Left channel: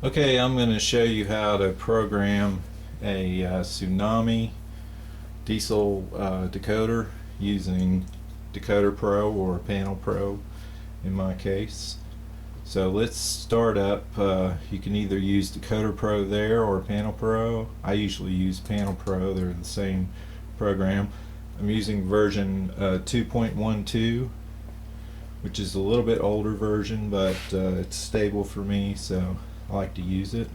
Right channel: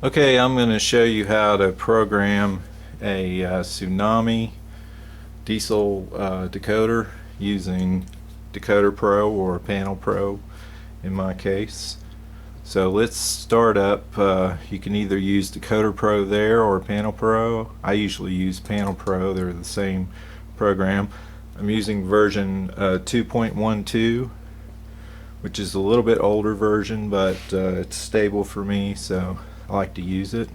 Okay, I'm going to show you how to program a Tsunami Diesel decoder using Decoder Pro or Panel Pro in my case. So let's start up. You can either use Decoder Pro there or Panel Pro. I usually use Panel Pro, they're the same program. I'm using version 2.12, which is a little bit older version, but it's stable for me, so I like to use it.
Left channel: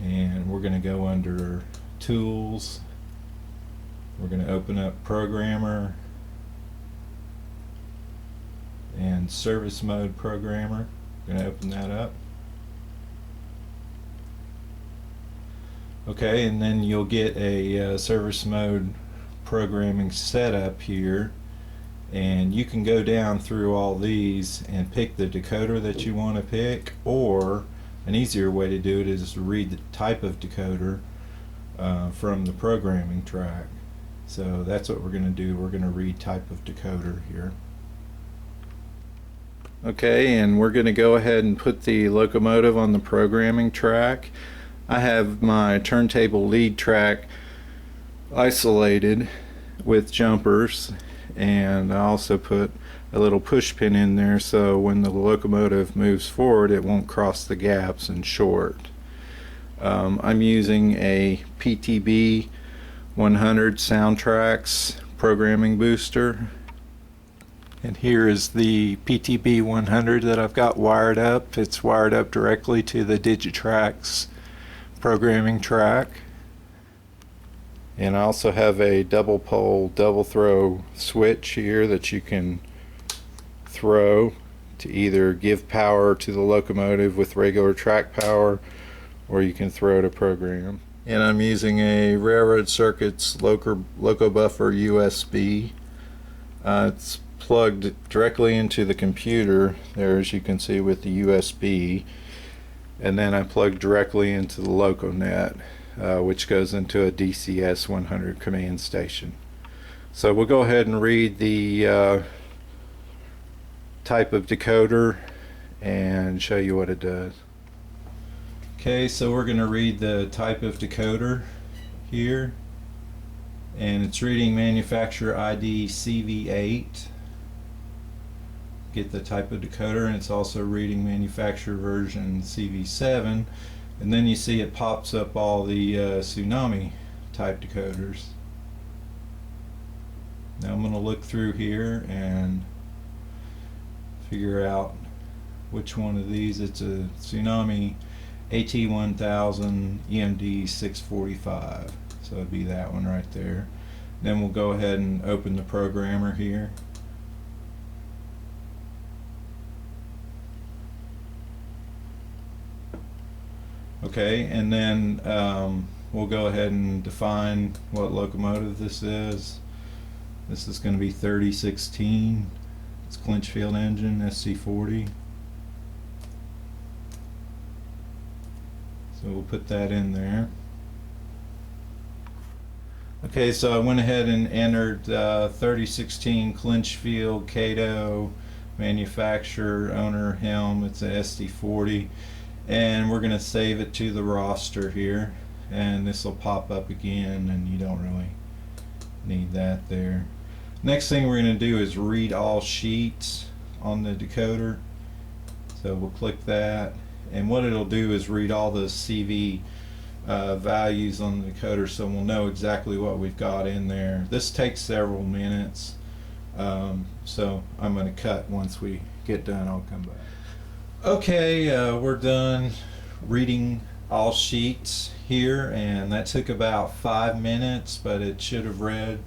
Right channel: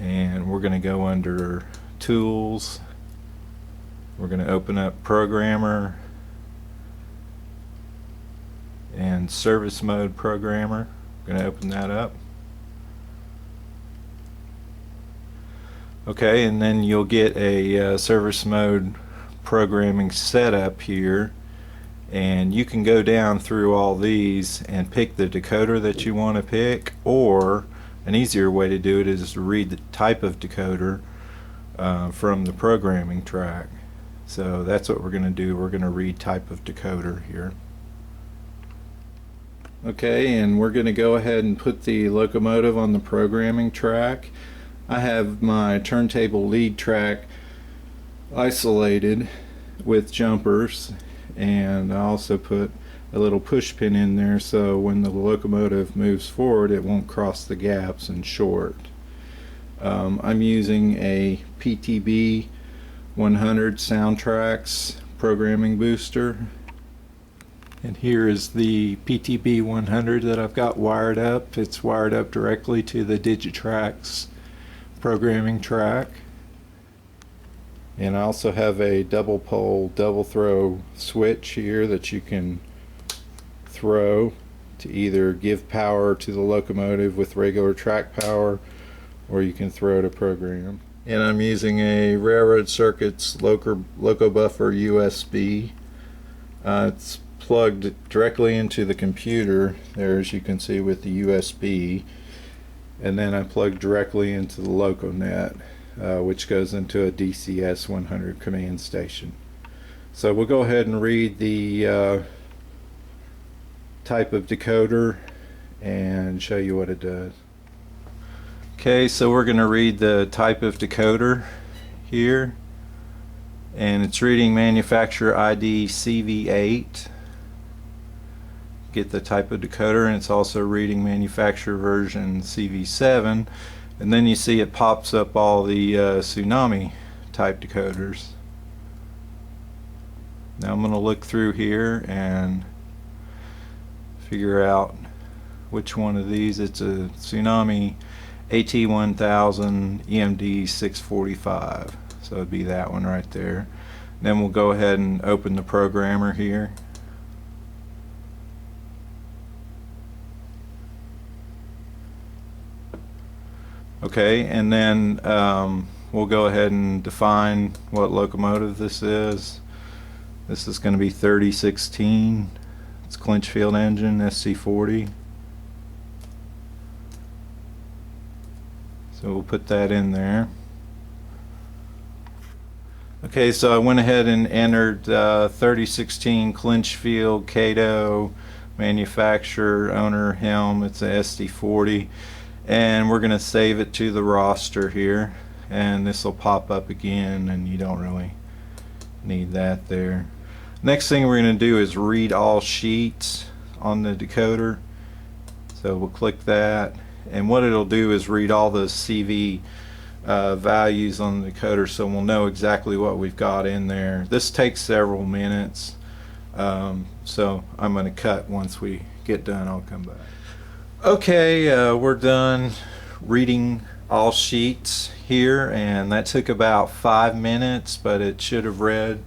And we're going to go under Tools. We're going to open up Programmer and Service Mode Programmer. We're going to open that up. Okay, and then you'll get a service mode programming setup here, and you can go down through all these and pick the decoder that you want to pick, or an easier way to do it is to read the type of decoder from the programming track. So that's what we're going to do. We're going to read type of decoder here. Okay, and we're going to go ahead and put the locomotive on the programming track. I have my turntable lead track isolated with jumpers, and I also put a little push pin in there so when the locomotive moves forward it won't cross the gaps and short. I'm using a PTB 100 Soundtracks programming booster, and here is the PTB 100 that I've got wired up. It's wired up directly to the Digitrax programming track. And I also have a double pole double throw switch here that you can throw to either give power to the locomotive with regular track power, or you can throw to program. And I'm using a Railroad Circuits Loco Buffer USB. It's plugged directly into the computer there, as you can see, with the USB, and then I plug directly into the LocoNet, which goes into a DCS 100 command station. So we'll go ahead and read the type of decoder and show you what it does. Okay, so we're going to read the type of decoder here, and it's reading manufacturer ID CV8. Get the type of decoder, and it's also reading manufacturer version CV7. And then you see it pops up all the Tsunami type decoders. Now I'm going to look through here and figure out which one of these. It's a Tsunami AT1000 EMD 645, so it'd be that one right there. Then we'll go ahead and open the programmer here. Okay, and then we'll go ahead and define what locomotive this is. This is going to be 3016. It's Clinchfield engine, SC40. So we'll put that in there. Okay, so I went ahead and entered 3016 Clinchfield, Cato, manufacturer, owner, Helm. It's a SD40. And we're going to save it to the roster here, and this will pop up again, and you don't really need that there. Next thing we're going to do is read all sheets on the decoder. So we'll click that, and what it'll do is read all the CV values on the decoder, so we'll know exactly what we've got in there. This takes several minutes, so I'm going to cut. Once we get done, I'll come back. Okay, we're done reading all sheets here, and that took about 5 minutes, but it should have read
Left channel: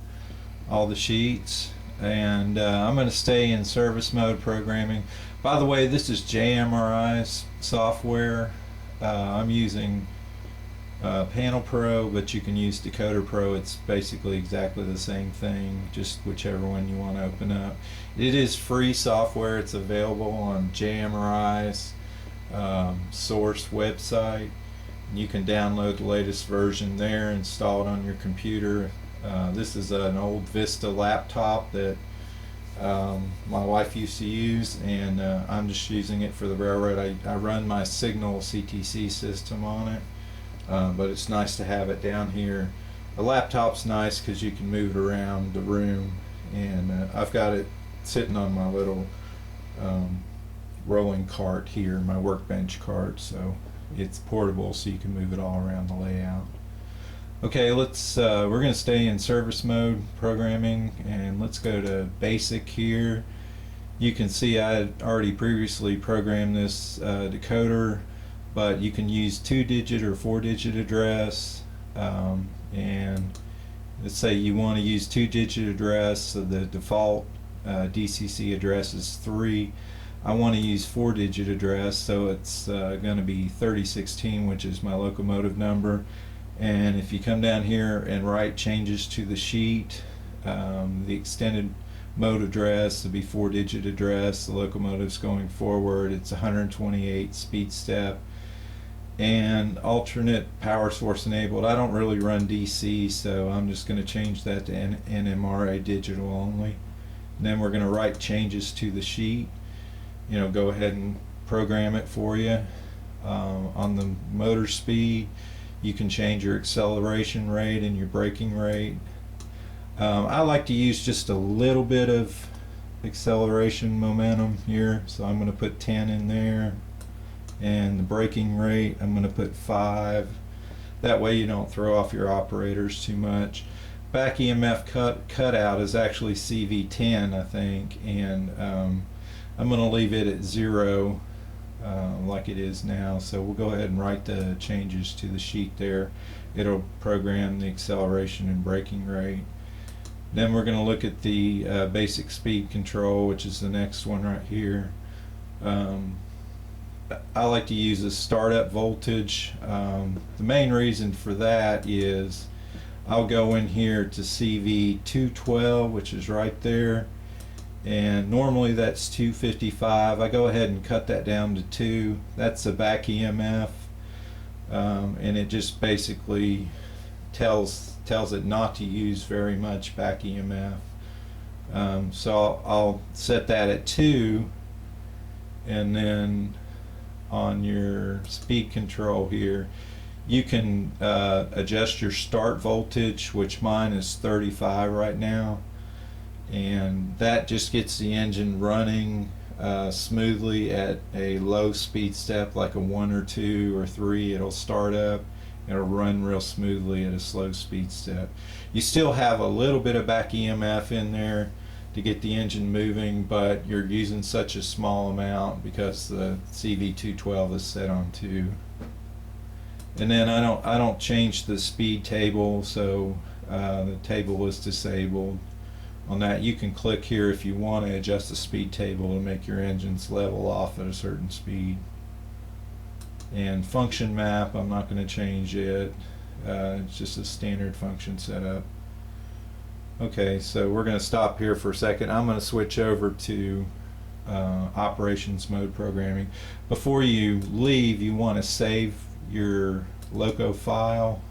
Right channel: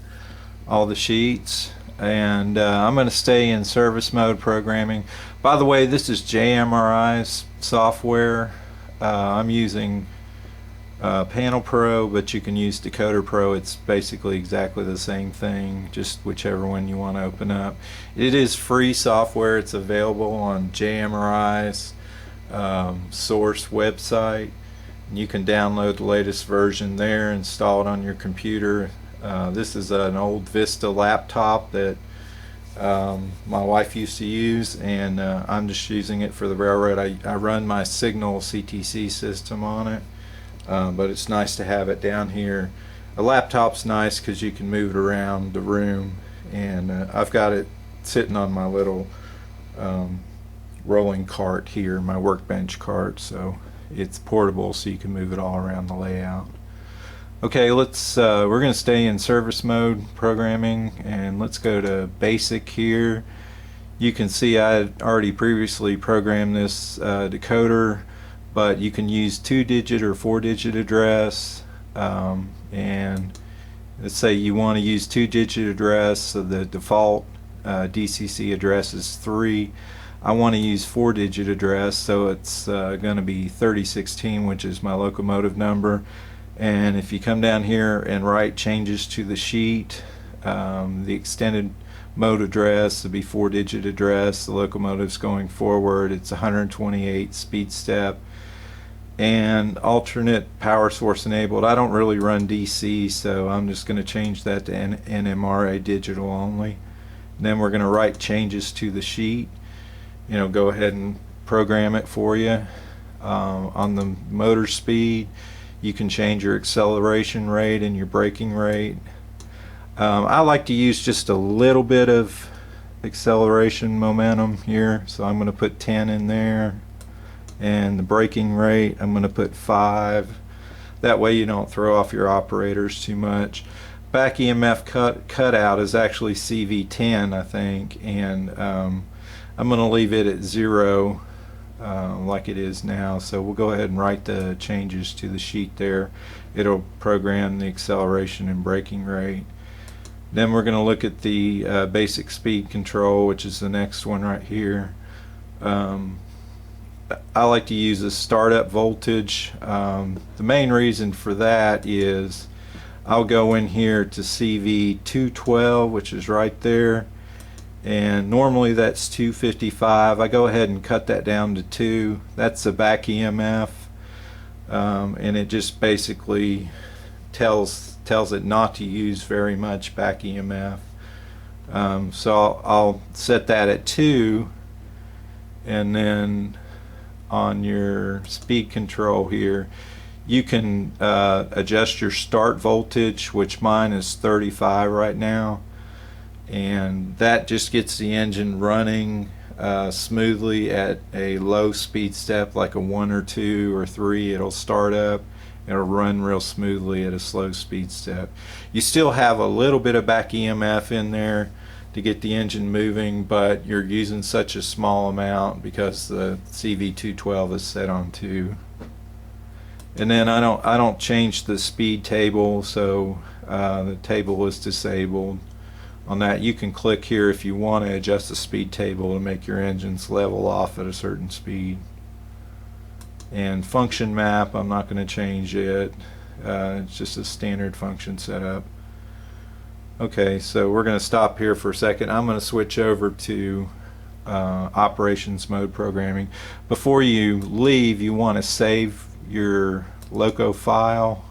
all the sheets. And I'm going to stay in service mode programming. By the way, this is JMRI's software. I'm using Panel Pro, but you can use Decoder Pro. It's basically exactly the same thing, just whichever one you want to open up. It is free software. It's available on JMRI's source website. You can download the latest version there, install it on your computer. This is an old Vista laptop that my wife used to use, and I'm just using it for the railroad. I run my Signal CTC system on it, but it's nice to have it down here. A laptop's nice because you can move it around the room, and I've got it sitting on my little rolling cart here, my workbench cart, so it's portable, so you can move it all around the layout. Okay, let's we're going to stay in service mode programming, and let's go to basic here. You can see I had already previously programmed this decoder, but you can use 2-digit or 4-digit address, and let's say you want to use 2-digit address, so the default DCC address is 3. I want to use 4-digit address, so it's going to be 3016, which is my locomotive number. And if you come down here and write changes to the sheet, the extended mode address will be 4-digit address. The locomotive's going forward. It's 128 speed step, and alternate power source enabled. I don't really run DC, so I'm just going to change that to NMRA digital only. And then we're going to write changes to the sheet. Go ahead and program it for you. On the motor speed, you can change your acceleration rate and your braking rate. I like to use just a little bit of acceleration momentum here, so I'm going to put 10 in there, and the braking rate I'm going to put 5. That way you don't throw off your operators too much. Back EMF cutout is actually CV10, I think, and I'm going to leave it at 0 like it is now. So we'll go ahead and write the changes to the sheet there. It'll program the acceleration and braking rate. Then we're going to look at the basic speed control, which is the next one right here. I like to use a startup voltage. The main reason for that is I'll go in here to CV212, which is right there, and normally that's 255. I go ahead and cut that down to 2. That's a back EMF, and it just basically tells it not to use very much back EMF. So I'll set that at 2, and then on your speed control here you can adjust your start voltage, which mine is 35 right now, and that just gets the engine running smoothly at a low speed step, like a 1 or 2 or 3. It'll start up, it'll run real smoothly at a slow speed step. You still have a little bit of back EMF in there to get the engine moving, but you're using such a small amount because the CV212 is set on 2. And then I don't change the speed table, so the table is disabled. On that, you can click here if you want to adjust the speed table to make your engines level off at a certain speed. And function map, I'm not going to change it. It's just a standard function setup. Okay, so we're going to stop here for a second. I'm going to switch over to operations mode programming. Before you leave, you want to save your loco file.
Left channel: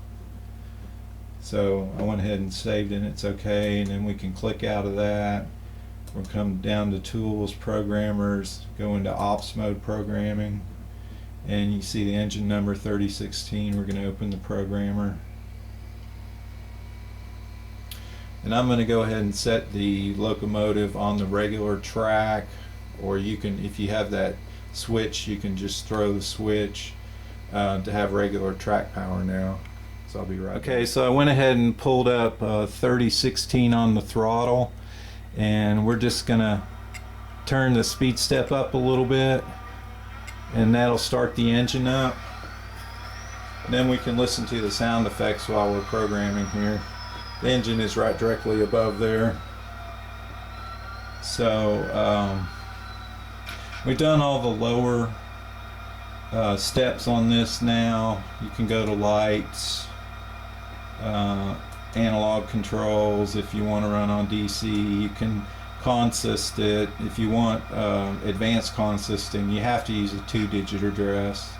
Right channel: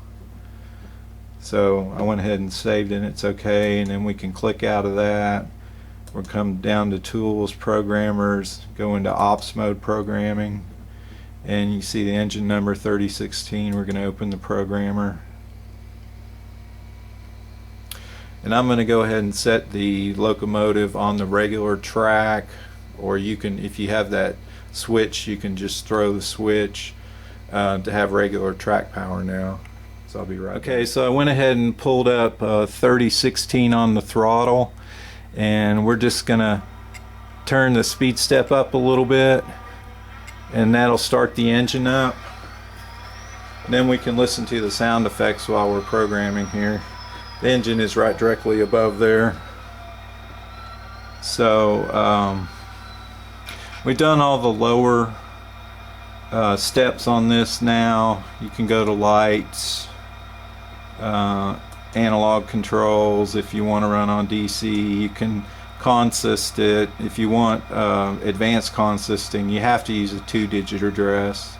So I went ahead and saved it, it's okay, and then we can click out of that. We'll come down to tools, programmers, go into ops mode programming, and you see the engine number 3016. We're going to open the programmer, and I'm going to go ahead and set the locomotive on the regular track, or you can, if you have that switch, you can just throw the switch to have regular track power now. So I'll be right back. Okay, so I went ahead and pulled up 3016 on the throttle, and we're just gonna turn the speed step up a little bit, and that'll start the engine up. And then we can listen to the sound effects while we're programming here. The engine is right directly above there. So we've done all the lower steps on this now. You can go to lights, analog controls. If you want to run on DC, you can consist it. If you want advanced consisting, you have to use a 2-digit address.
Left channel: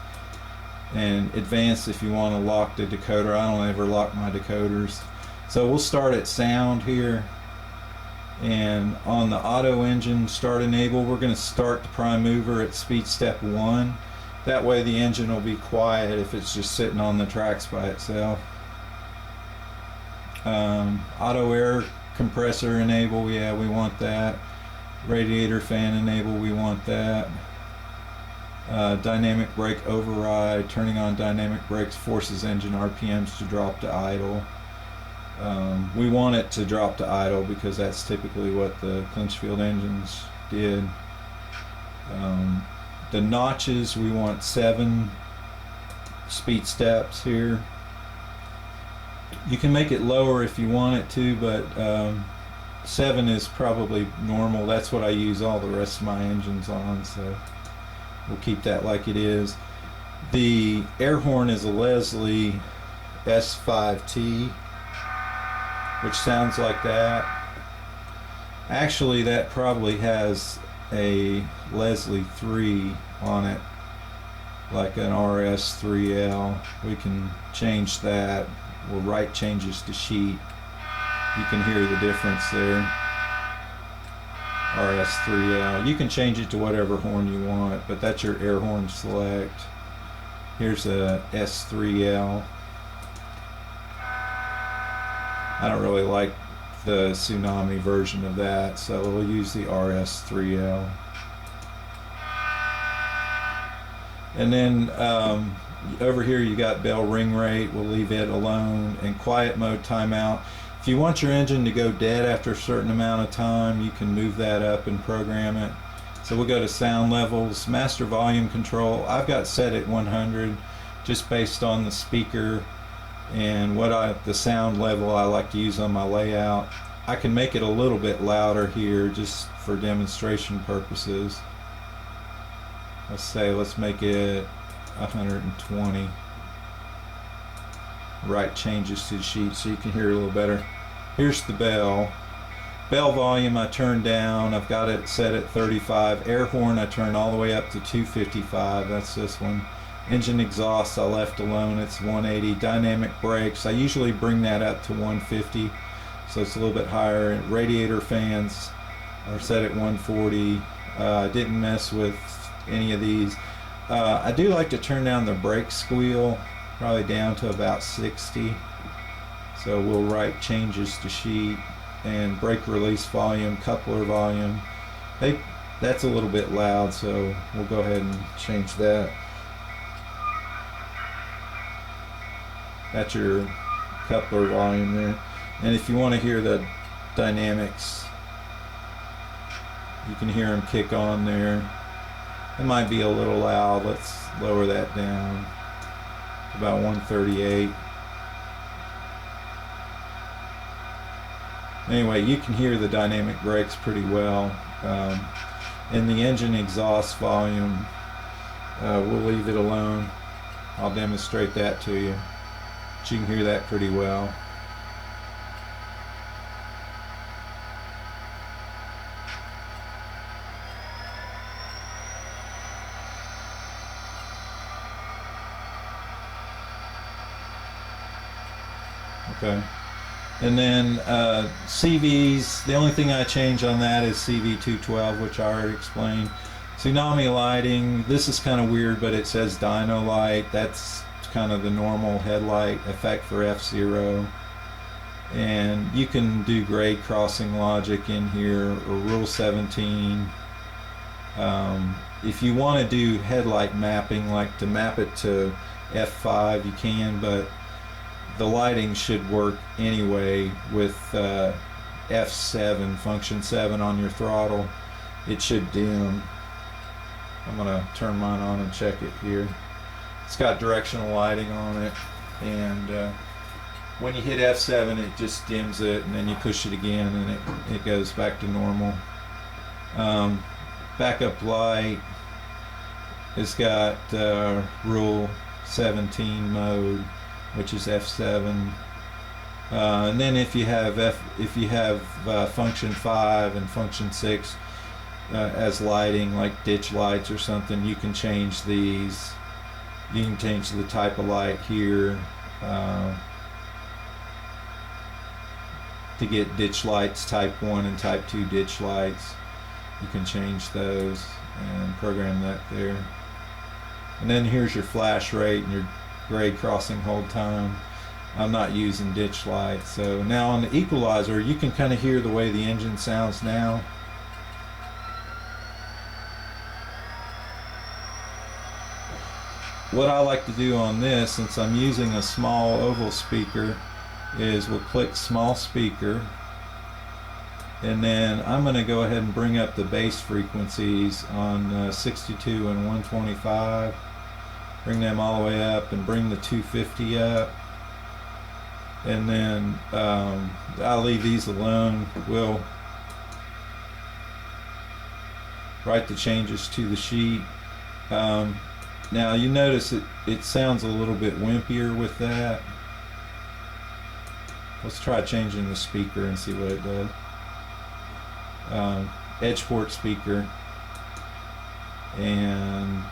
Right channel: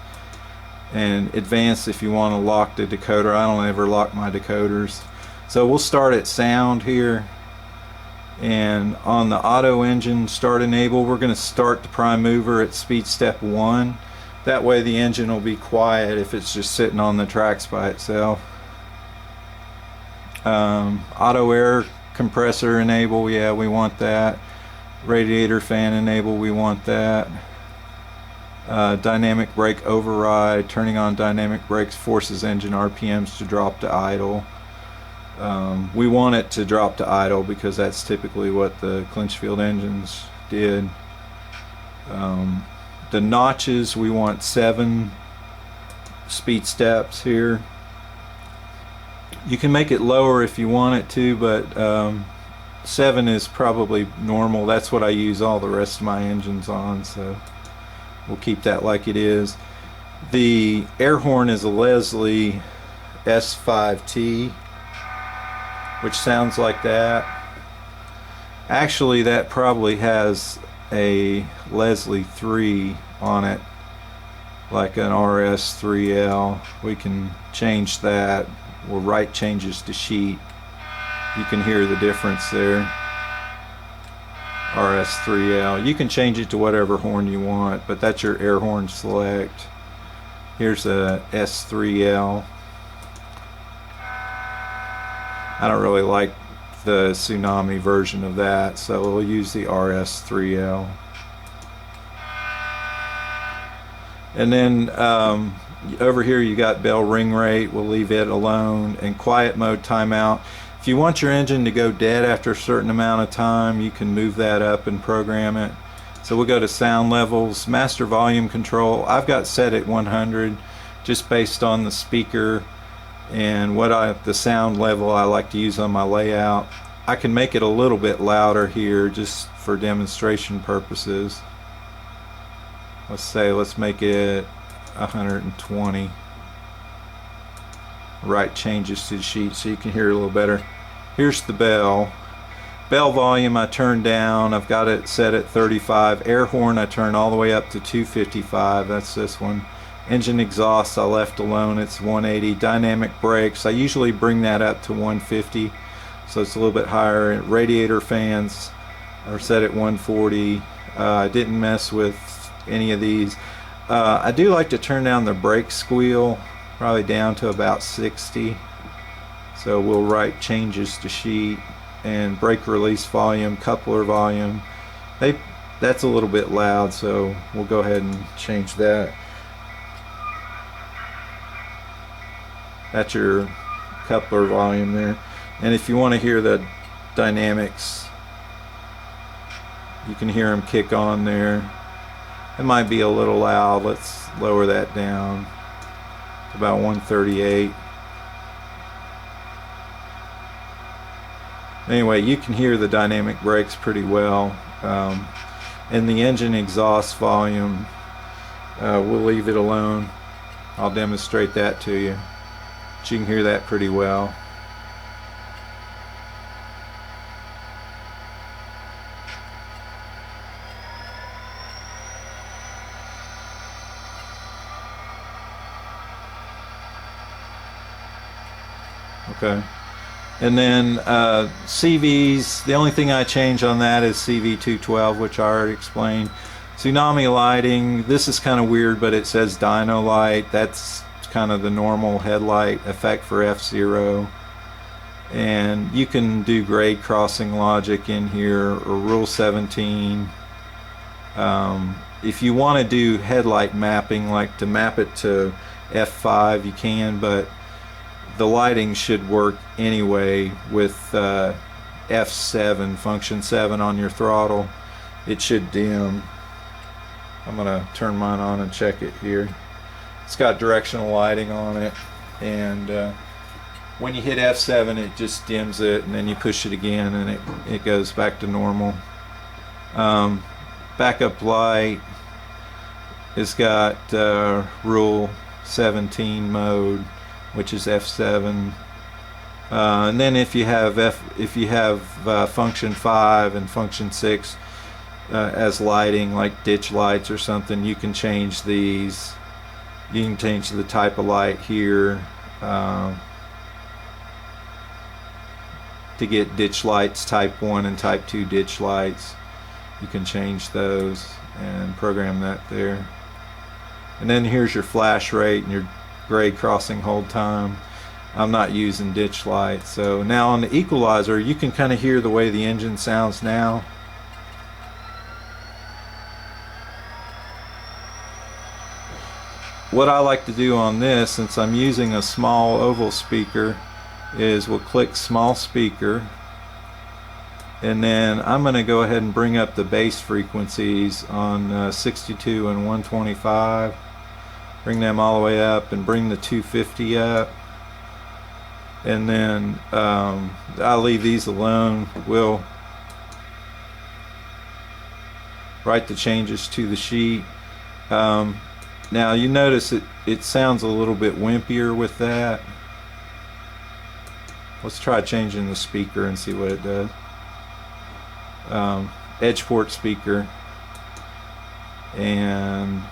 And advanced if you want to lock the decoder. I don't ever lock my decoders. So we'll start at sound here, And on the auto engine start enable, we're going to start the prime mover at speed step 1. That way the engine will be quiet if it's just sitting on the tracks by itself. Auto air compressor enable, yeah, we want that. Radiator fan enable, we want that. Dynamic brake override, turning on dynamic brakes forces engine RPMs to drop to idle. We want it to drop to idle because that's typically what the Clinchfield engines did. The notches, we want 7 speed steps here. You can make it lower if you want it to, but 7 is probably normal. That's what I use all the rest of my engines on, so we'll keep that like it is. The air horn is a Leslie S5T, which sounds like that. Actually, that probably has a Leslie 3 on it, like an RS3L. We can change that. We'll write changes to sheet. You can hear the difference there. RS3L. You can change it to whatever horn you want, but that's your air horn select. Here's a S3L. I don't really like the Tsunami version of that, so we'll use the RS3L. And then over here you got bell ring rate, we'll leave it alone, and quiet mode timeout. If you want your engine to go dead after a certain amount of time, you can move that up and program it. So we'll go to sound levels, master volume control. I've got set at 100 just based on the speaker and the sound level I like to use on my layout. I can make it a little bit louder here just for demonstration purposes. Let's make it 120. Write changes to the sheet so you can hear it a little better. Here's the bell. Bell volume I turned down. I've got it set at 35. Air horn I turned all the way up to 255. That's this one. Engine exhaust I left alone. It's 180. Dynamic brakes I usually bring that up to 150, so it's a little bit higher. Radiator fans are set at 140. I didn't mess with any of these. I do like to turn down the brake squeal probably down to about 60. So we'll write changes to sheet. And brake release volume, coupler volume, that's a little bit loud, so we'll go ahead and change that. That's your coupler volume there. And if you want to hear the dynamics, you can hear them kick on there. It might be a little loud. Let's lower that down to about 138. Anyway, you can hear the dynamic brakes pretty well. And the engine exhaust volume, we'll leave it alone. I'll demonstrate that to you. But you can hear that pretty well. Okay. And then CVs, the only thing I change on that is CV212, which I already explained. Tsunami lighting, this is kind of weird, but it says dyno light. That's kind of the normal headlight effect for F-Zero. And you can do grade crossing logic in here, or Rule 17. If you want to do headlight mapping, like to map it to F5, you can, but the lighting should work anyway with F7, function 7 on your throttle. It should dim. I'm going to turn mine on and check it here. It's got directional lighting on it, and when you hit F7 it just dims it, and then you push it again and it goes back to normal. Backup light has got Rule 17 mode, which is F7, and then if you have function 5 and function 6 as lighting, like ditch lights or something, you can change these. You can change the type of light here. to get ditch lights, type 1 and type 2 ditch lights. You can change those and program that there. And then here's your flash rate and your grade crossing hold time. I'm not using ditch lights. So now on the equalizer, you can kind of hear the way the engine sounds now. What I like to do on this, since I'm using a small oval speaker, is we'll click small speaker, and then I'm going to go ahead and bring up the bass frequencies on 62 and 125. Bring them all the way up and bring the 250 up. And then I'll leave these alone. We'll write the changes to the sheet. Now you notice it sounds a little bit wimpier with that. Let's try changing the speaker and see what it does. Edge port speaker, and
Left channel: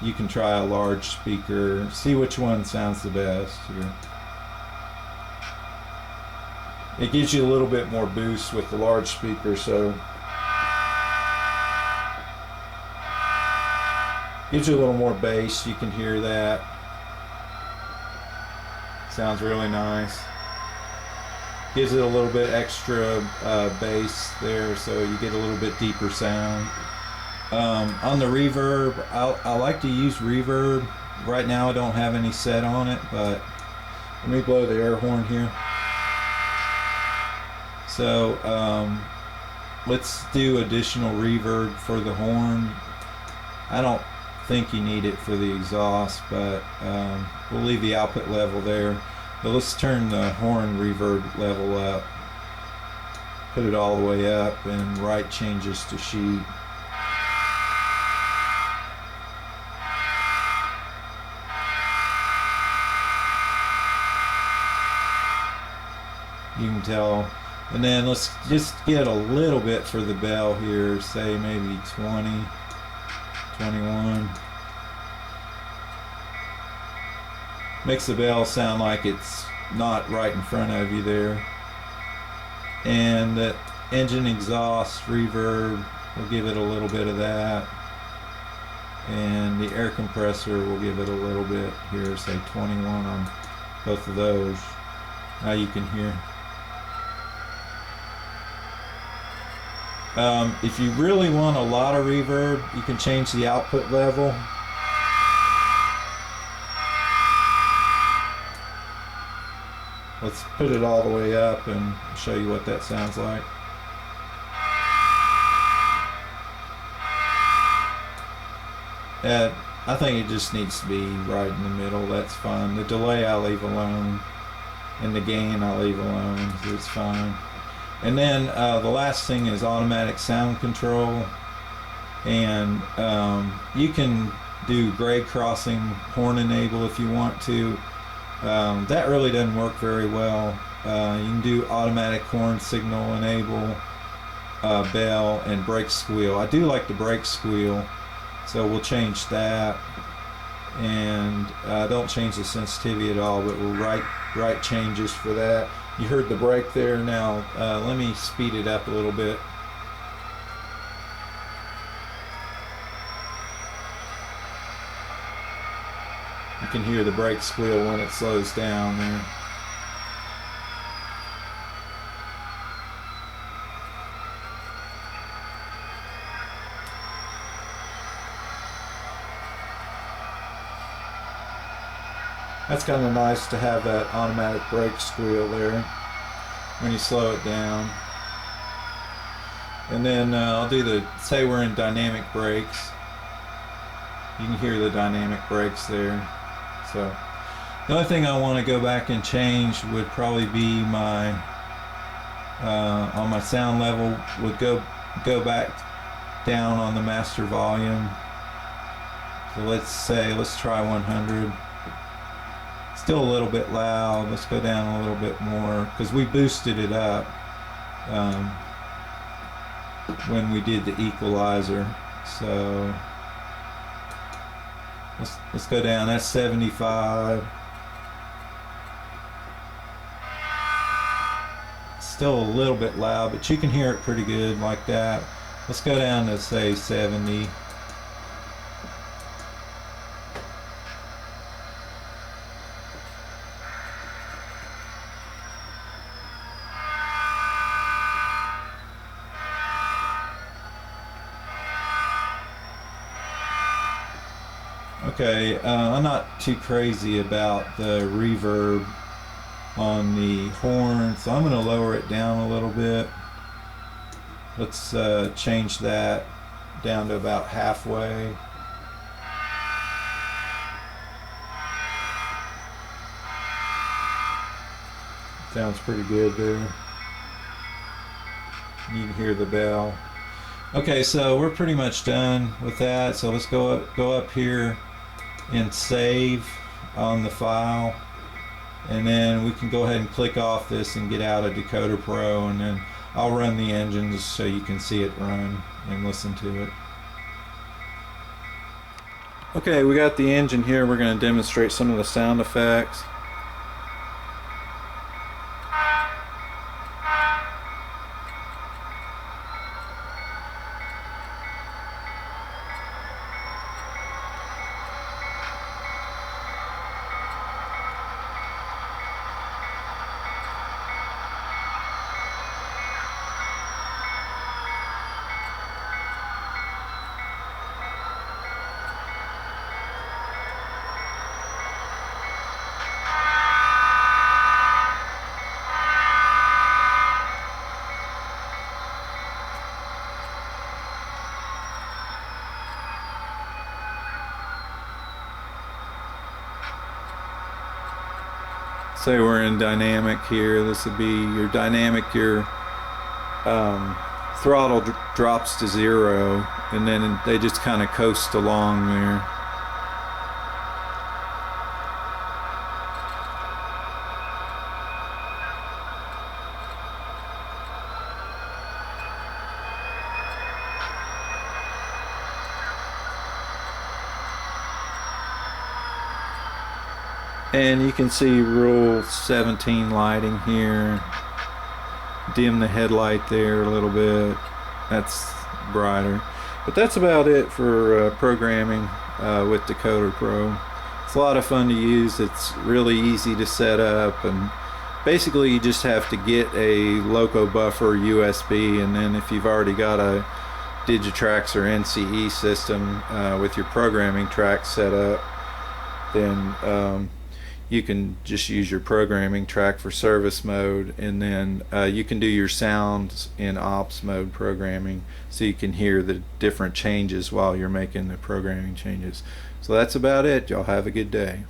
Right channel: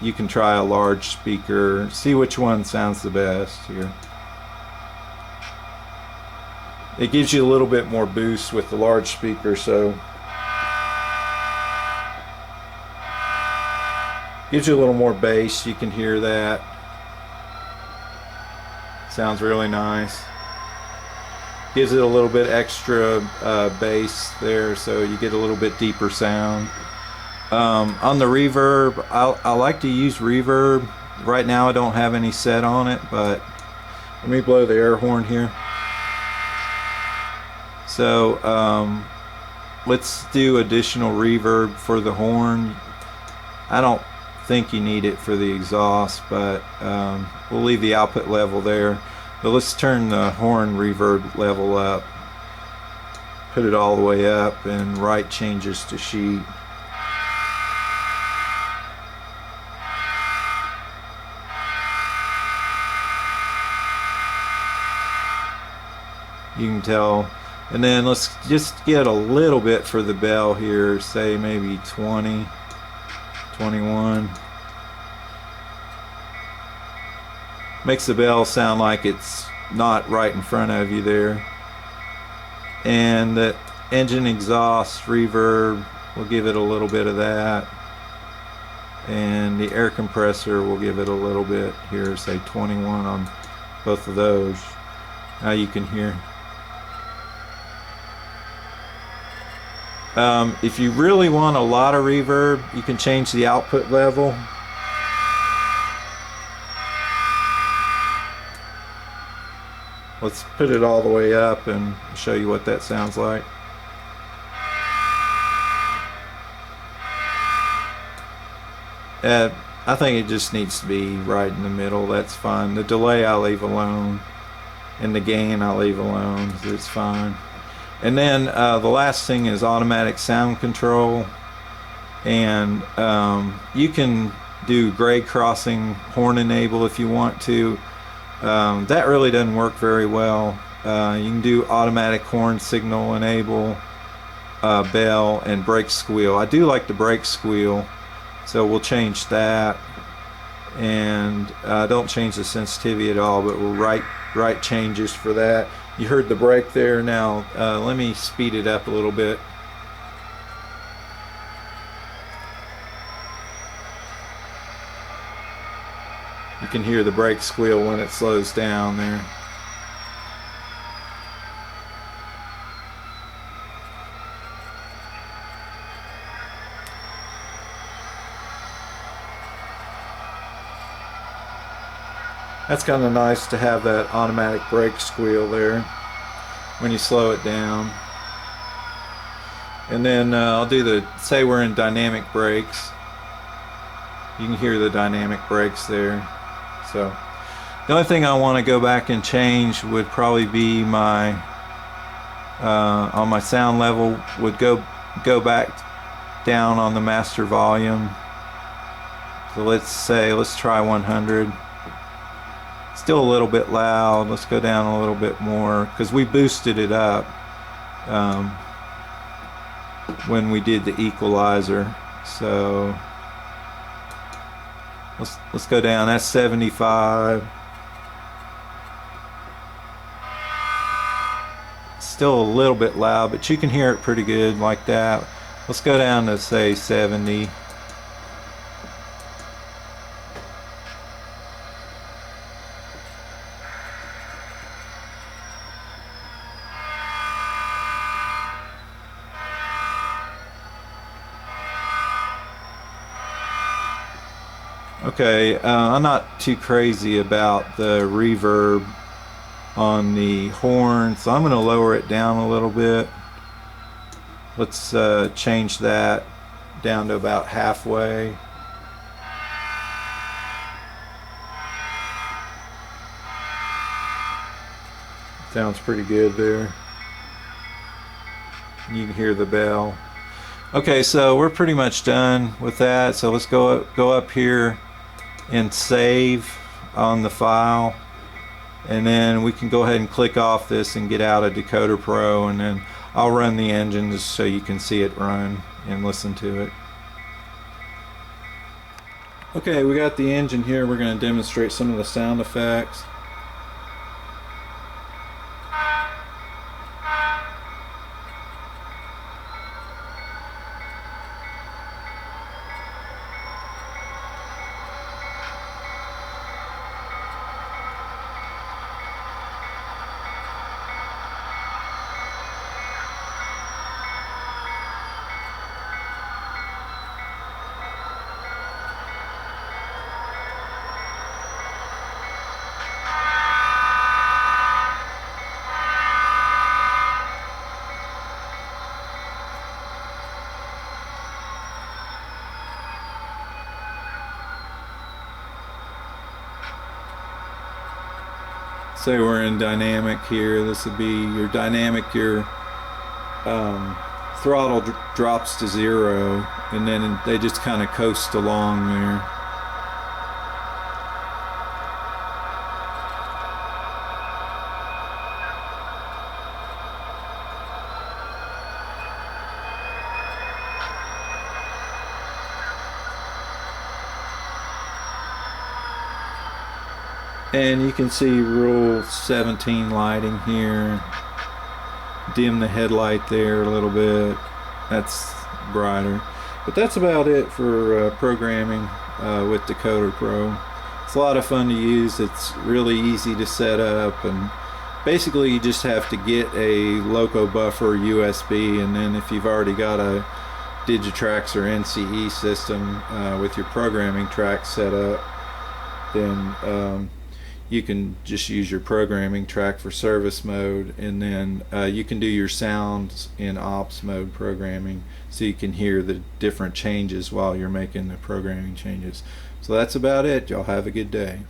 you can try a large speaker, see which one sounds the best here. It gives you a little bit more boost with the large speaker, so gives you a little more bass. You can hear that. Sounds really nice. Gives it a little bit extra bass there, so you get a little bit deeper sound. On the reverb, I like to use reverb. Right now I don't have any set on it, but let me blow the air horn here. So let's do additional reverb for the horn. I don't think you need it for the exhaust, but we'll leave the output level there. But let's turn the horn reverb level up, put it all the way up, and write changes to sheet. You can tell. And then let's just get a little bit for the bell here, say maybe 20, 21. Makes the bell sound like it's not right in front of you there. And the engine exhaust reverb, we'll give it a little bit of that. And the air compressor, we'll give it a little bit here, say 21 on both of those. Now you can hear. If you really want a lot of reverb, you can change the output level. Let's put it all the way up and show you what that sounds like. I think it just needs to be right in the middle. That's fine. The delay I'll leave alone, and the gain I'll leave alone. It's fine. And then the last thing is automatic sound control, and you can do grade crossing horn enable if you want to. That really doesn't work very well. You can do automatic horn signal enable, bell, and brake squeal. I do like the brake squeal, so we'll change that. And don't change the sensitivity at all, but we'll write changes for that. You heard the brake there. Now let me speed it up a little bit. You can hear the brake squeal when it slows down there. That's kind of nice to have that automatic brake squeal there when you slow it down. And then I'll do the, say we're in dynamic brakes. You can hear the dynamic brakes there. So the only thing I want to go back and change would probably be my on my sound level would go back down on the master volume. So let's try 100. Still a little bit loud. Let's go down a little bit more because we boosted it up when we did the equalizer. So let's go down. That's 75. still a little bit loud, but you can hear it pretty good like that. Let's go down to say 70. Okay, I'm not too crazy about the reverb on the horn, so I'm going to lower it down a little bit. Let's change that down to about halfway. Sounds pretty good there. You can hear the bell. Okay, so we're pretty much done with that. So let's go up here and save on the file, and then we can go ahead and click off this and get out of Decoder Pro, and then I'll run the engine just so you can see it run and listen to it. Okay, we got the engine here. We're going to demonstrate some of the sound effects. Say we're in dynamic here. This would be your dynamic. Your throttle drops to 0, and then they just kind of coast along there. And you can see rule 17 lighting here. Dim the headlight there a little bit. That's brighter. But that's about it for programming with Decoder Pro. It's a lot of fun to use. It's really easy to set up, and basically you just have to get a loco buffer USB, and then if you've already got a Digitrax or NCE system with your programming track set up, then you can just use your programming track for service mode, and then you can do your sounds in ops mode programming, so you can hear the different changes while you're making the programming changes. So that's about it. Y'all have a good day.